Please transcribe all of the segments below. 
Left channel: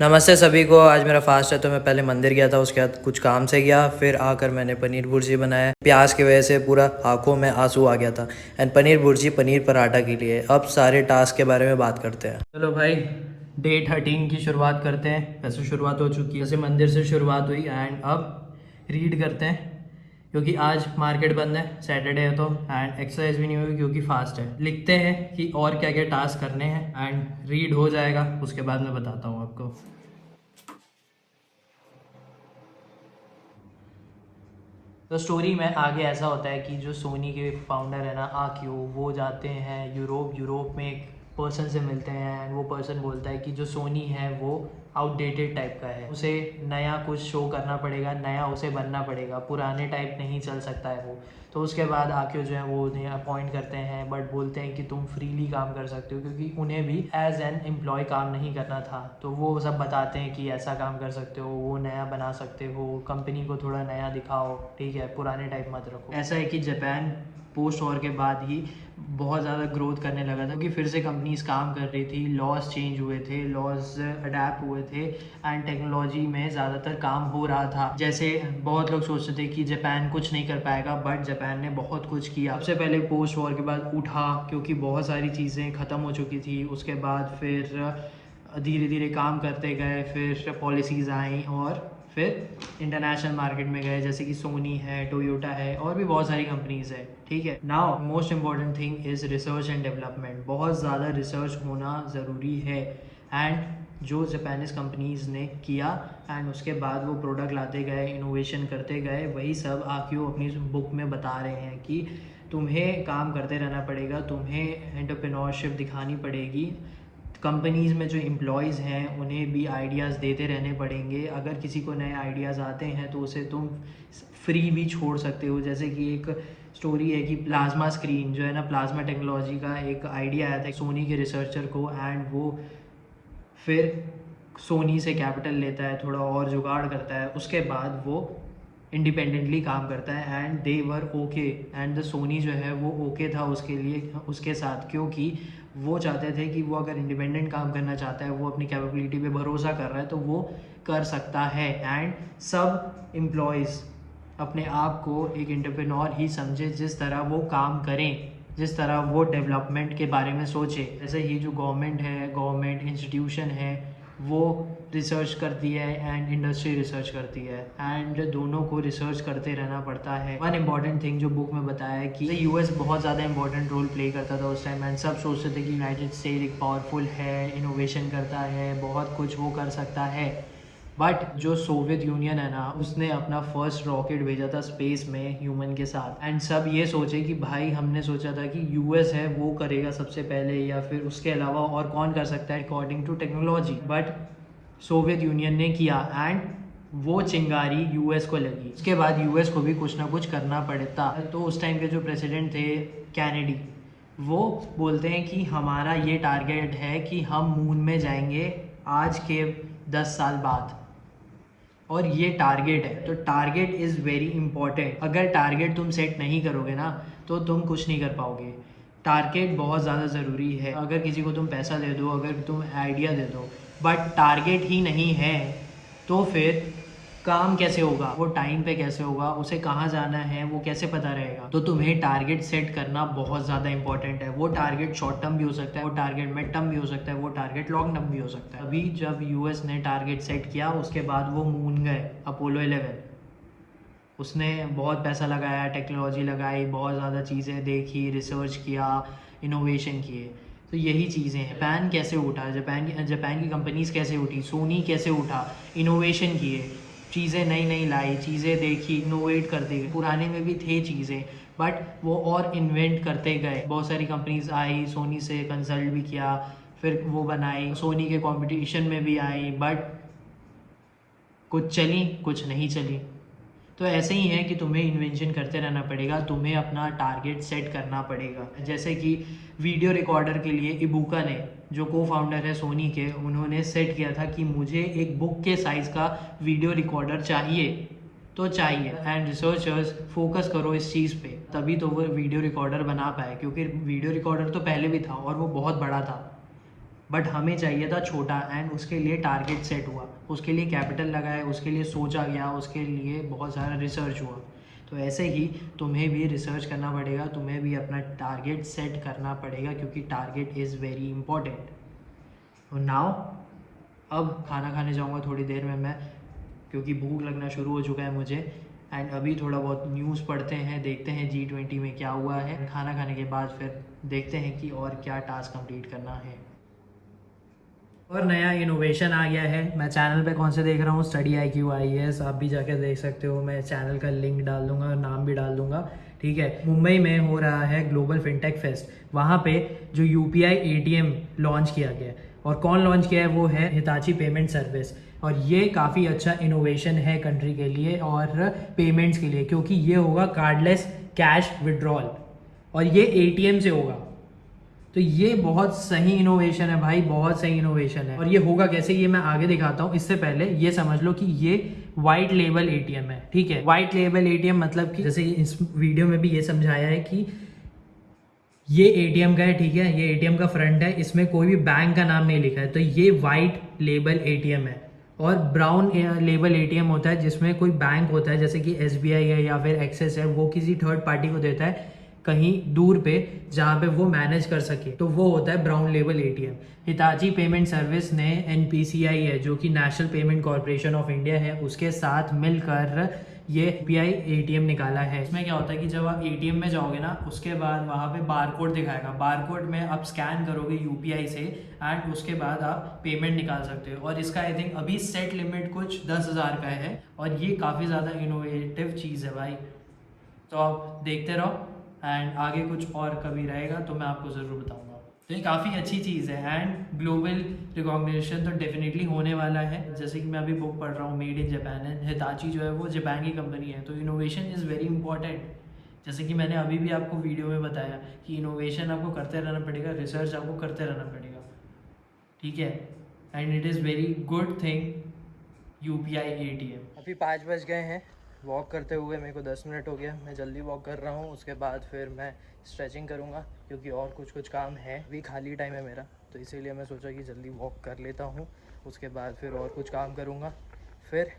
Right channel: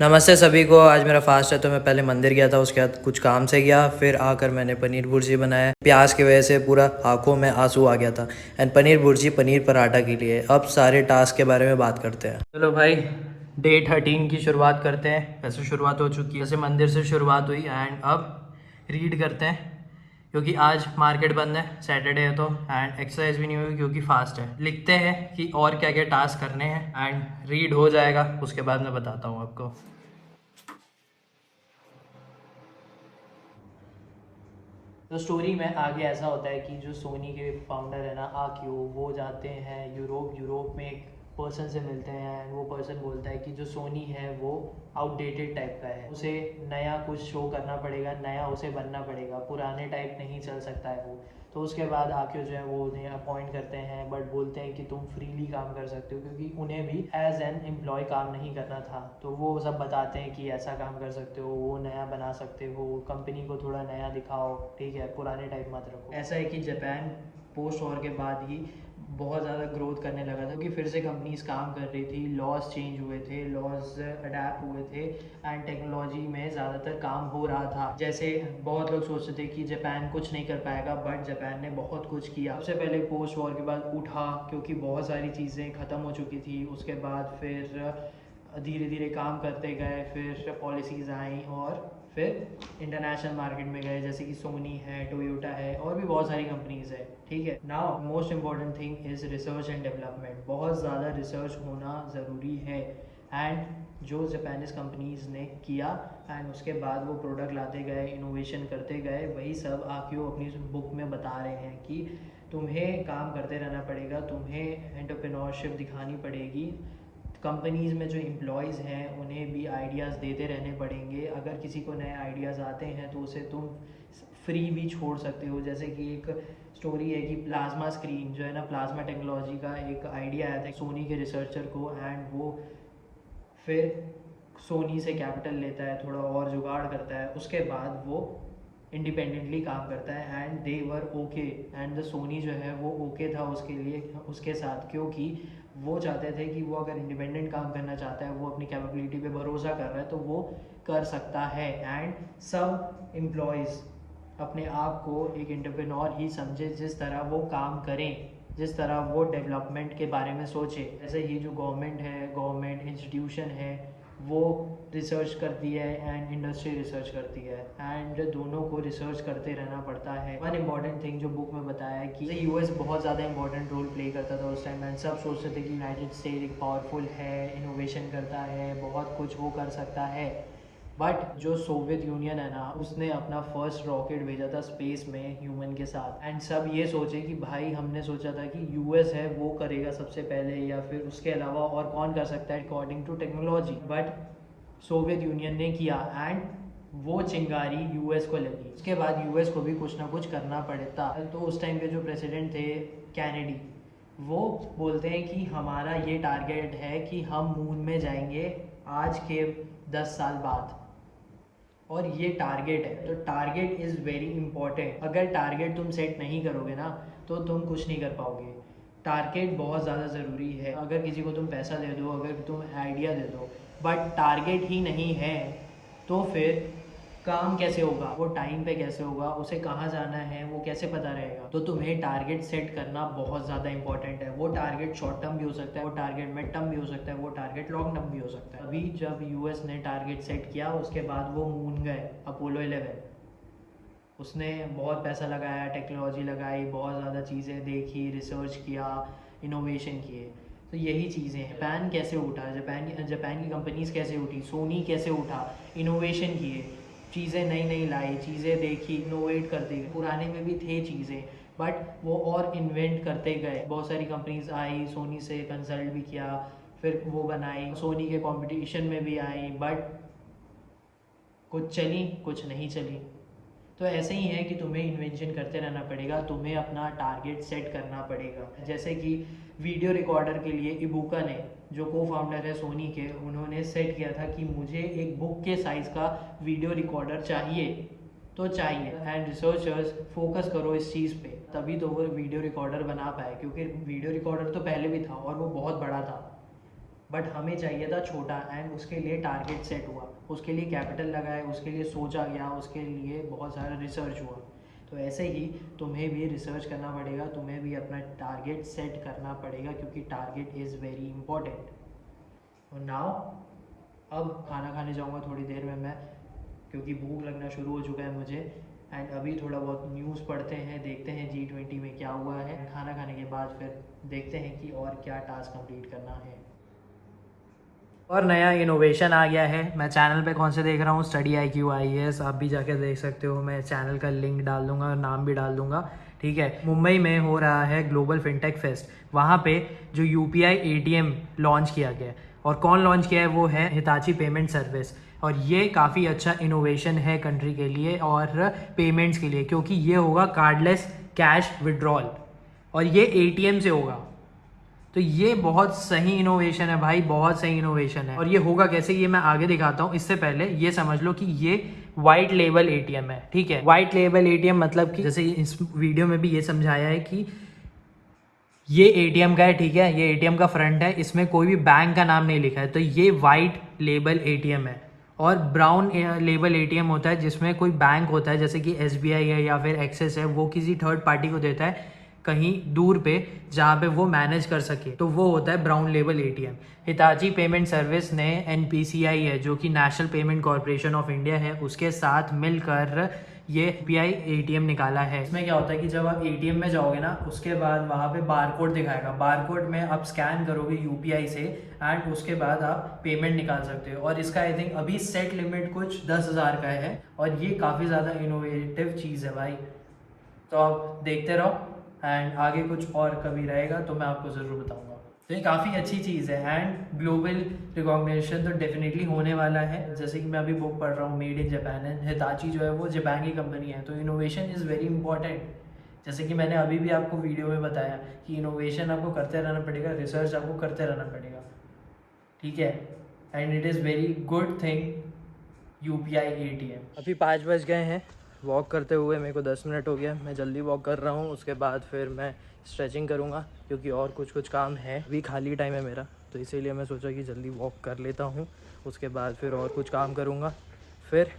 नमस्ते सभी को। आज मेरा फास्ट है तो मैं पहले मंदिर गया था, उसके बाद कुछ काम से गया, फिर आकर मैंने पनीर भुर्जी बनाया। प्याज की वजह से पूरा आंखों में आंसू आ गया था। एंड पनीर भुर्जी पनीर पराठा के लिए अब सारे टास्क के बारे में बात करते हैं। चलो भाई, डे 13 की शुरुआत करते हैं। वैसे शुरुआत हो चुकी है, जैसे मंदिर से शुरुआत हुई एंड अब रीड करते हैं क्योंकि आज मार्केट बंद है, सैटरडे है तो। एंड एक्सरसाइज भी नहीं हुई क्योंकि फास्ट है। लिखते हैं कि और क्या क्या टास्क करने हैं एंड रीड हो जाएगा, उसके बाद मैं बताता हूँ आपको। तो स्टोरी में आगे ऐसा होता है कि जो सोनी के फाउंडर है ना आक्यो, वो जाते हैं यूरोप में एक पर्सन से मिलते हैं एंड वो पर्सन बोलता है कि जो सोनी है वो आउटडेटेड टाइप का है, उसे नया कुछ शो करना पड़ेगा, नया उसे बनना पड़ेगा, पुराने टाइप नहीं चल सकता है वो। तो उसके बाद आक्यो जो है वो उन्हें अपॉइंट करते हैं, बट बोलते हैं कि तुम फ्रीली काम कर सकते हो, क्योंकि उन्हें भी एज एन एम्प्लॉय काम नहीं करना था। तो वो सब बताते हैं कि ऐसा काम कर सकते हो, वो नया बना सकते हो, कंपनी को थोड़ा नया दिखाओ, ठीक है, पुराने टाइप मत रखो। ऐसा है कि जापान पोस्ट वॉर के बाद ही बहुत ज़्यादा ग्रोथ करने लगा था, क्योंकि फिर से कंपनीज काम कर रही थी, लॉज चेंज हुए थे, लॉज अडेप्ट हुए थे एंड टेक्नोलॉजी में ज़्यादातर काम हो रहा था। जैसे बहुत लोग सोचते थे कि जापान कुछ नहीं कर पाएगा, बट जापान ने बहुत कुछ किया। सबसे पहले पोस्ट वॉर के बाद उठा, क्योंकि बहुत सारी चीज़ें ख़त्म हो चुकी थी। उसके बाद फिर धीरे धीरे काम करते गए, फिर पॉलिसीज़ आई और फिर इंटरनेशनल मार्केट में गए, जैसे कि सोनी है, टोयोटा है और भी बहुत सारी कंपनीज है, ठीक है। Now most important thing is research and development. बहुत ज़्यादा रिसर्च होना ज़रूरी है एंड जो जापानीज़ कंपनीज़ ने किया एंड उसके बाद वो प्रोडक्ट लाते गए, इनोवेशन करते गए, वही सब आक्यों अपनी बुक में बता रहे हैं कि तुम्हें काम करते रहना पड़ेगा, तुम्हें एंटरप्रेन्योरशिप दिखानी पड़ेगी। कंपनीज़ में जो एम्प्लॉयज़ हैं उन्हें भी आइडियाज़ देते रहने पड़ेंगे। अगर किसी को नए आइडियाज़ आते हैं तो उसे तुम फ्री भी छोड़ सकते हो। जैसे कि एक स्टोरी है कि प्लाज्मा स्क्रीन जो है ना, प्लाज्मा टेक्नोलॉजी का एक आइडिया आया था सोनी के रिसर्चर को, एंड वो फिर सोनी से कैपिटल लेता है, थोड़ा और जुगाड़ करता है, उसके बाद वो इंडिपेंडेंटली काम करता है and they were okay. And the Sony जो है वो ओके था उसके लिए, उसके साथ, क्योंकि वो चाहते थे कि वो अगर इंडिपेंडेंट काम करना चाहता है, वो अपनी कैपेबिलिटी पे भरोसा कर रहा है तो वो कर सकता है। एंड सब एम्प्लॉयज़ अपने आप को एक एंटरप्रेन्योर ही समझे, जिस तरह वो काम करें, जिस तरह वो डेवलपमेंट के बारे में सोचे। जैसे ये जो गवर्नमेंट है, गवर्नमेंट इंस्टीट्यूशन है, वो रिसर्च करती है एंड इंडस्ट्री रिसर्च करती है, एंड दोनों को रिसर्च करते रहना पड़ता है। वन इम्पॉर्टेंट थिंग जो बुक में बताया है कि यूएस बहुत ज़्यादा इंपॉर्टेंट रोल प्ले करता था उस टाइम, एंड सब सोचते थे कि यूनाइटेड स्टेट एक पावरफुल है, इनोवेशन करता है, बहुत कुछ वो कर सकता है। बट जो सोवियत यूनियन है ना, उसने अपना फर्स्ट रॉकेट भेजा था स्पेस में ह्यूमन के साथ, एंड सब ये सोचे कि भाई हमने सोचा था कि यूएस है वो करेगा सबसे पहले, या फिर उसके अलावा और कौन कर सकता है according to technology, but Soviet Union ने किया एंड वो चिंगारी यूएस को लगी। उसके बाद यूएस को भी कुछ ना कुछ करना पड़ता। तो उस टाइम के जो प्रेसिडेंट थे कैनेडी, वो बोलते हैं कि हमारा ये टारगेट है कि हम मून में जाएंगे आज के 10 साल बाद, और ये टारगेट है। तो टारगेट इज़ वेरी इंपॉर्टेंट। अगर टारगेट तुम सेट नहीं करोगे ना तो तुम कुछ नहीं कर पाओगे। टारगेट बहुत ज़्यादा ज़रूरी है। अगर किसी को तुम पैसा दे दो, अगर तुम आइडिया दे दो, बट टारगेट ही नहीं है, तो फिर काम कैसे होगा, वो टाइम पे कैसे होगा, उसे कहाँ जाना है वो कैसे पता रहेगा। तो तुम्हें टारगेट सेट करना बहुत ज़्यादा इंपॉर्टेंट है। वो टारगेट शॉर्ट टर्म भी हो सकता है, वो टारगेट मिड टर्म भी हो सकता है, वो टारगेट लॉन्ग टर्म भी हो सकता है। अभी जब यूएस ने टारगेट सेट किया, उसके बाद वो मून गए, अपोलो 11, उसने बहुत पैसा लगाया, टेक्नोलॉजी लगाई, बहुत ज़्यादा चीज़ें देखी, रिसर्च किया, इनोवेशन किए। तो यही चीज़ें हैं। जापान कैसे उठा, जापान की कंपनीज कैसे उठी, सोनी कैसे उठा, इनोवेशन किए, चीज़ें नई नई लाई, चीज़ें देखी, इनोवेट करते गए। पुराने में भी थे चीज़ें, बट वो और इन्वेंट करते गए। बहुत सारी कंपनीज आई, सोनी से कंसल्ट भी किया, फिर वो बनाई, सोनी के कंपटीशन में भी आई, बट कुछ चली कुछ नहीं चली। तो ऐसे ही है कि तुम्हें इन्वेंशन करते रहना पड़ेगा, तुम्हें अपना टारगेट सेट करना पड़ेगा। जैसे कि वीडियो रिकॉर्डर के लिए इबुका ने, जो को फाउंडर है सोनी के, उन्होंने सेट किया था कि मुझे एक बुक के साइज़ का वीडियो रिकॉर्डर चाहिए, तो चाहिए। एंड रिसर्चर्स फोकस करो इस चीज़ पे, तभी तो वो वीडियो रिकॉर्डर बना पाए, क्योंकि वीडियो रिकॉर्डर तो पहले भी था और वो बहुत बड़ा था। बट हमें चाहिए था छोटा, एंड उसके लिए टारगेट सेट हुआ, उसके लिए कैपिटल लगाए, उसके लिए सोचा गया, उसके लिए बहुत सारा रिसर्च हुआ। तो ऐसे ही तुम्हें भी रिसर्च करना पड़ेगा, तुम्हें भी अपना टारगेट सेट करना पड़ेगा, क्योंकि टारगेट इज़ वेरी इंपॉर्टेंट। तो नाउ अब खाना खाने जाऊंगा थोड़ी देर में मैं, क्योंकि भूख लगना शुरू हो चुका है मुझे। एंड अभी थोड़ा बहुत न्यूज़ पढ़ते हैं, देखते हैं G20 में क्या हुआ है। खाना खाने के बाद फिर देखते हैं कि और क्या टास्क कंप्लीट करना है। और नया इनोवेशन आ गया है। मैं चैनल पे कौन से देख रहा हूँ, स्टडी IQ IAS, आप भी जाके देख सकते हो। मैं चैनल का लिंक डाल दूंगा और नाम भी डाल दूंगा, ठीक है। मुंबई में हो रहा है ग्लोबल फिनटेक फेस्ट। वहाँ पे जो UPI ATM लॉन्च किया गया है, और कौन लॉन्च किया है, वो है हिताची पेमेंट सर्विस। और ये काफ़ी अच्छा इनोवेशन है कंट्री के लिए और पेमेंट्स के लिए, क्योंकि ये होगा कार्डलेस कैश विड्रॉल, और ये ATM से होगा। तो ये बहुत सही इनोवेशन है भाई, बहुत सही इनोवेशन है। और ये होगा कैसे, ये मैं आगे दिखाता हूँ। इससे पहले ये समझ लो कि ये वाइट लेबल ATM है, ठीक है। वाइट लेबल ATM मतलब कि जैसे इस वीडियो में भी ये समझाया है कि ये ATM का है, ठीक है। ये ATM का फ्रंट है, इसमें कोई भी बैंक का नाम नहीं लिखा है, तो ये वाइट लेबल ATM है। और ब्राउन लेबल ATM होता है जिसमें कोई बैंक होता है, जैसे कि SBI है या फिर एक्सिस है, वो किसी थर्ड पार्टी को देता है कहीं दूर पे, जहाँ पे वो मैनेज कर सके, तो वो होता है brown label ATM। Hitachi payment service ने NPCI है, जो कि national payment corporation of India है, उसके साथ मिलकर ये UPI ATM निकाला है। इसमें क्या होता है कि जब आप ATM में जाओगे ना, उसके बाद वहाँ पे बारकोड दिखाएगा, बारकोड में आप स्कैन करोगे UPI से, एंड उसके बाद आप पेमेंट निकाल सकते हो। और इसका आई थिंक अभी सेट लिमिट कुछ 10,000 का है, और ये काफ़ी ज़्यादा इनोवेटिव चीज़ है भाई। तो आप देखते रहो, एंड आगे कुछ और कभी रहेगा तो मैं आपको ज़रूर बताऊंगा। तो ये काफ़ी अच्छी चीज़ है, एंड ग्लोबल रिकॉग्निशन तो डेफिनेटली होने वाला है। जैसे कि मैं अभी बुक पढ़ रहा हूँ made in Japan, and Hitachi जो है वो जापान की कंपनी है, तो इनोवेशन इज़ वेरी इंपॉर्टेंट। जैसे कि मैंने अभी भी आपको वीडियो में बताया कि इनोवेशन आपको करते रहना पड़ेगा, रिसर्च आपको करते रहना पड़ेगा, ठीक है। And it is very good thing UPI ATM। अभी 5 बज गए हैं, वॉक करते हुए मेरे को 10 मिनट हो गया। मैं जल्दी वॉक कर रहा हूँ, उसके बाद फिर मैं स्ट्रेचिंग करूँगा, क्योंकि और कुछ काम है। अभी खाली टाइम है मेरा, तो इसीलिए मैं सोचा कि जल्दी वॉक कर लेता हूँ, उसके बाद फिर और कुछ काम करूँगा। फिर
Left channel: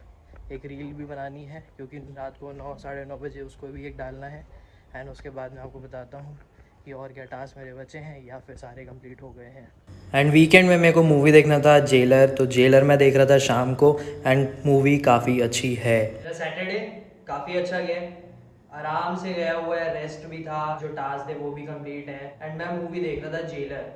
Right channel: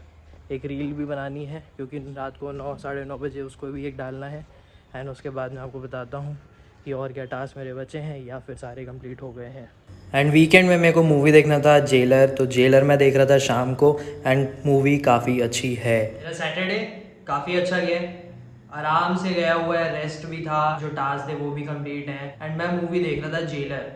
एक रील भी बनानी है, क्योंकि रात को 9 साढ़े 9 बजे उसको भी एक डालना है। एंड उसके बाद मैं आपको बताता हूँ कि और क्या टास्क मेरे बचे हैं, या फिर सारे कंप्लीट हो गए हैं। एंड वीकेंड में मेरे को मूवी देखना था जेलर, तो जेलर मैं देख रहा था शाम को, एंड मूवी काफ़ी अच्छी है। सैटरडे काफ़ी अच्छा गया, आराम से गया हुआ है, रेस्ट भी था, जो टास्क थे वो भी कंप्लीट है। एंड मैं मूवी देख रहा था जेलर।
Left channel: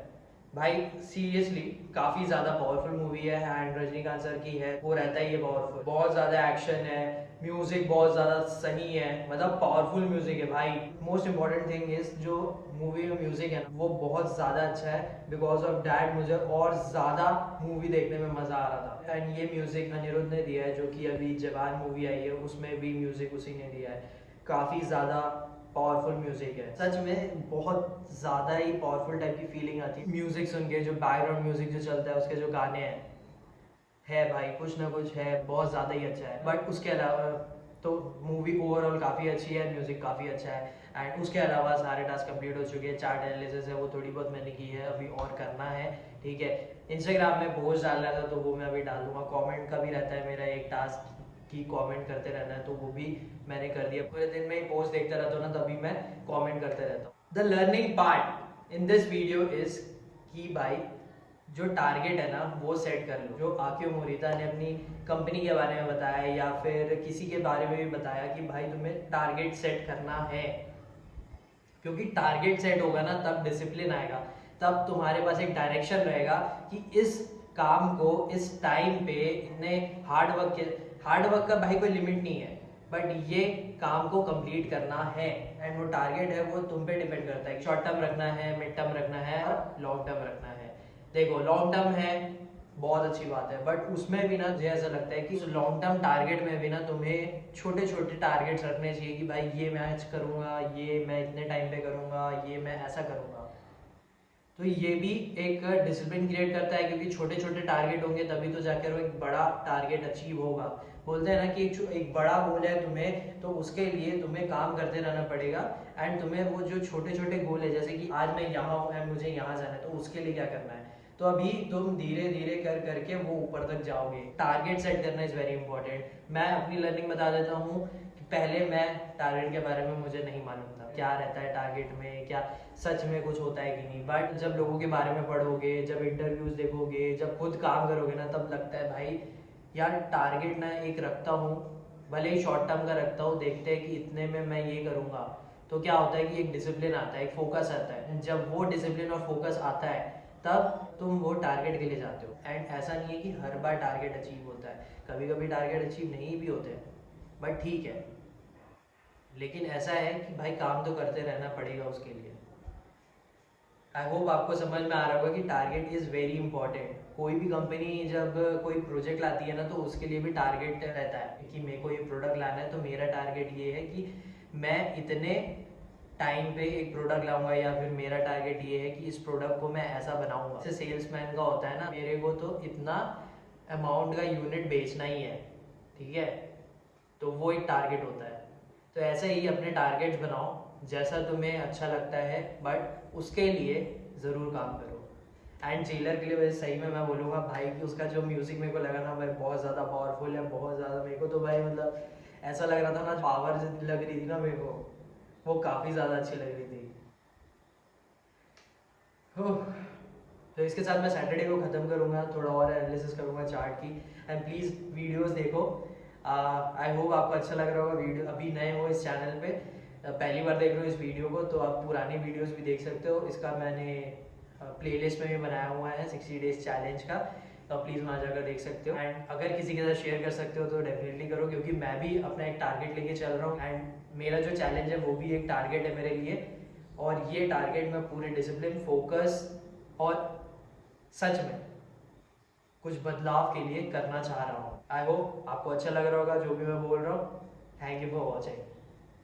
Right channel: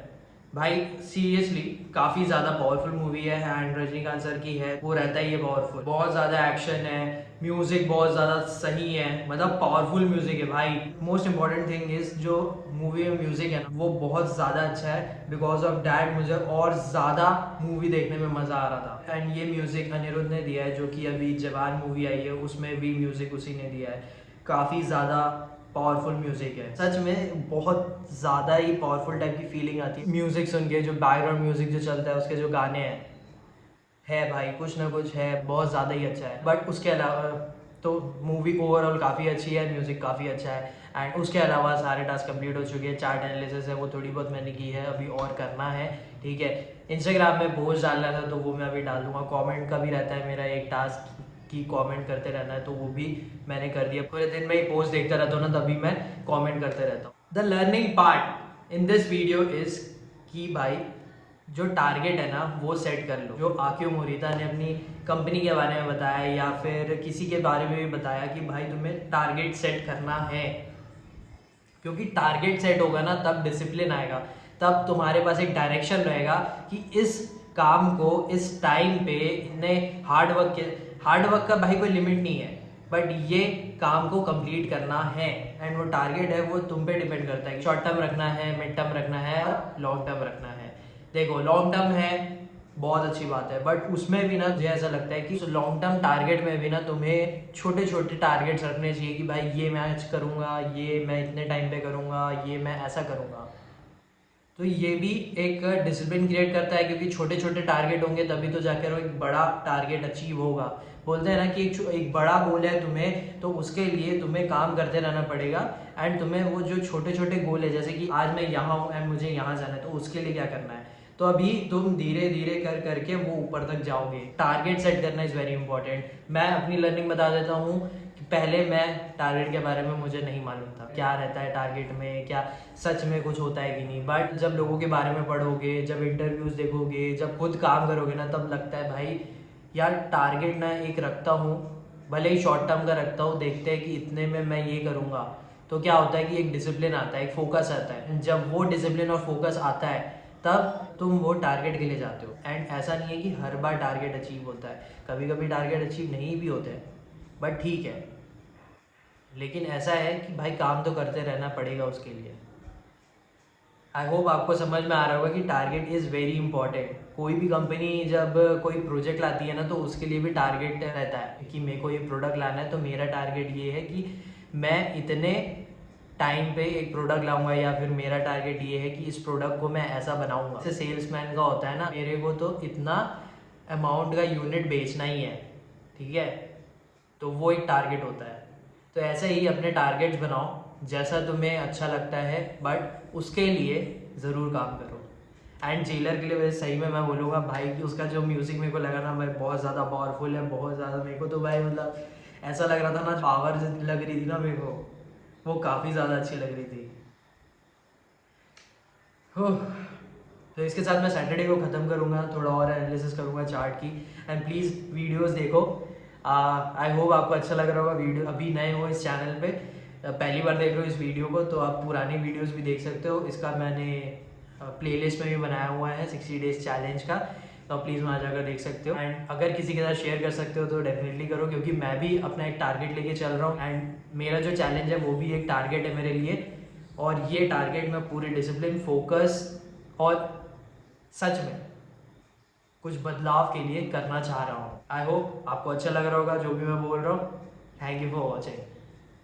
भाई सीरियसली काफ़ी ज़्यादा पावरफुल मूवी है, एंड रजनीकांत सर की है, वो रहता ही है पावरफुल। बहुत ज़्यादा एक्शन है, म्यूज़िक बहुत ज़्यादा सही है, मतलब पावरफुल म्यूज़िक है भाई। मोस्ट इंपॉर्टेंट थिंग इज़ जो मूवी में म्यूज़िक है ना, वो बहुत ज़्यादा अच्छा है। बिकॉज ऑफ डैट मुझे और ज़्यादा मूवी देखने में मज़ा आ रहा था। एंड ये म्यूज़िक अनिरुद्ध ने दिया है, जो कि अभी जवान मूवी आई है, उसमें भी म्यूज़िक उसी ने दिया है। काफ़ी ज़्यादा पावरफुल म्यूजिक है, सच में बहुत ज़्यादा ही पावरफुल टाइप की फीलिंग आती है म्यूजिक सुन के। जो बैकग्राउंड म्यूजिक जो चलता है, उसके जो गाने हैं, है भाई कुछ ना कुछ है, बहुत ज़्यादा ही अच्छा है। बट उसके अलावा तो मूवी ओवरऑल काफ़ी अच्छी है, म्यूज़िक काफ़ी अच्छा है। एंड उसके अलावा सारे टास्क कंप्लीट हो चुके हैं, चार्ट एनालिसिस है वो थोड़ी बहुत मैंने की है, अभी और करना है, ठीक है। इंस्टाग्राम में पोस्ट डालना था, तो वो मैं अभी डाल दूंगा। कमेंट का भी रहता है मेरा एक टास्क की कमेंट करते रहना है, तो वो भी मैंने कर दिया। पूरे दिन में ही पोस्ट देखता रहता हूँ ना, तभी मैं कमेंट करते रहता हूँ। The learning part in this video is कि भाई जो टारगेट है ना वो सेट कर लो। जो आकियो मोरिता ने अपनी कंपनी के बारे में बताया, या फिर किसी के बारे में भी बताया कि भाई तुम्हें टारगेट सेट करना है, क्योंकि टारगेट सेट होगा ना तब डिसिप्लिन आएगा, तब तुम्हारे पास एक डायरेक्शन रहेगा कि इस काम को इस टाइम पे इतने हार्ड वर्क का भाई कोई लिमिट नहीं है, बट ये काम को कंप्लीट करना है। एंड वो टारगेट है वो तुम पे डिपेंड करता है, शॉर्ट टर्म रखना है, मिड टर्म रखना है, और लॉन्ग टर्म रखना है। देखो लॉन्ग टर्म है बहुत अच्छी बात है, बट उसमें भी ना मुझे ऐसा लगता है कि लॉन्ग टर्म टारगेट में भी ना तुम्हें छोटे छोटे टारगेट्स रखने चाहिए कि भाई ये मैं आज करूँगा, ये मैं इतने टाइम पे करूँगा, ये मैं ऐसा करूँगा। तो ये भी एक डिसिप्लिन क्रिएट करता है, क्योंकि छोटे छोटे टारगेट होंगे तभी तो जाकर वो एक बड़ा टारगेट अचीव होगा। बोलते हैं ना कि एक बड़ा गोल है तुम्हें, तो उसके लिए तुम्हें काम करते रहना पड़ेगा। एंड तुम्हें वो जो छोटे छोटे गोल है, जैसे कि आज मैं यहाँ हूँ एंड मुझे यहाँ जाना है, तो उसके लिए क्या करना है, तो अभी तुम धीरे धीरे कर करके वो ऊपर तक जाओगे। टारगेट सेट करना इज़ वेरी इंपॉर्टेंट। मैं अपनी लर्निंग बता देता हूँ कि पहले मैं टारगेट के बारे में मुझे नहीं मालूम था क्या रहता है टारगेट में, क्या सच में कुछ होता है कि नहीं। बट जब लोगों के बारे में पढ़ोगे, जब इंटरव्यूज़ देखोगे, जब खुद काम करोगे ना, तब लगता है भाई यार टारगेट ना एक रखता हूँ, भले ही शॉर्ट टर्म का रखता हूँ, देखते हैं कि इतने में मैं ये करूँगा। तो क्या होता है कि एक डिसिप्लिन आता है, एक फोकस आता है। जब वो डिसिप्लिन और फोकस आता है तब तुम वो टारगेट के लिए जाते हो। एंड ऐसा नहीं है कि हर बार टारगेट अचीव होता है, कभी कभी टारगेट अचीव नहीं भी होते हैं, बट ठीक है। लेकिन ऐसा है कि भाई काम तो करते रहना पड़ेगा उसके लिए। आई होप आपको समझ में आ रहा होगा कि टारगेट इज़ वेरी इंपॉर्टेंट। कोई भी कंपनी जब कोई प्रोजेक्ट लाती है ना, तो उसके लिए भी टारगेट रहता है कि मेरे को ये प्रोडक्ट लाना है, तो मेरा टारगेट ये है कि मैं इतने टाइम पे एक प्रोडक्ट लाऊंगा, या फिर मेरा टारगेट ये है कि इस प्रोडक्ट को मैं ऐसा बनाऊंगा। जैसे सेल्समैन का होता है ना, मेरे को तो इतना अमाउंट का यूनिट बेचना ही है, ठीक है, तो वो एक टारगेट होता है। तो ऐसे ही अपने टारगेट्स बनाओ जैसा तुम्हें अच्छा लगता है, बट उसके लिए ज़रूर काम करो। एंड जेलर के लिए वैसे सही में मैं बोलूँगा भाई कि उसका जो म्यूज़िक मेरे को लगा ना भाई बहुत ज़्यादा पावरफुल है, बहुत ज़्यादा। मेरे को तो भाई मतलब ऐसा लग रहा था ना, पावर लग रही थी ना मेरे को, वो काफ़ी ज़्यादा अच्छी लग रही थी। ओह, तो इसके साथ मैं सैटरडे को ख़त्म करूँगा, थोड़ा और एनालिसिस करूँगा चार्ट की। एंड प्लीज़ वीडियोस देखो। आई होप आपको अच्छा लग रहा होगा। वीडियो अभी नए हो इस चैनल पे, पहली बार देख रहे हो इस वीडियो को, तो आप पुरानी वीडियोस भी देख सकते हो। इसका मैंने प्लेलिस्ट में भी बनाया हुआ है 60 डेज चैलेंज का, तो आप प्लीज़ वहाँ जाकर देख सकते हो। एंड अगर किसी के साथ शेयर कर सकते हो तो डेफिनेटली करो, क्योंकि मैं भी अपना एक टारगेट लेके चल रहा हूँ। एंड मेरा जो चैलेंज है वो भी एक टारगेट है मेरे लिए, और ये टारगेट मैं पूरे डिसिप्लिन, फोकस और सच में कुछ बदलाव के लिए करना चाह रहा हूँ। आई होप आपको अच्छा लग रहा होगा जो भी मैं बोल रहा हूँ। Thank you for watching.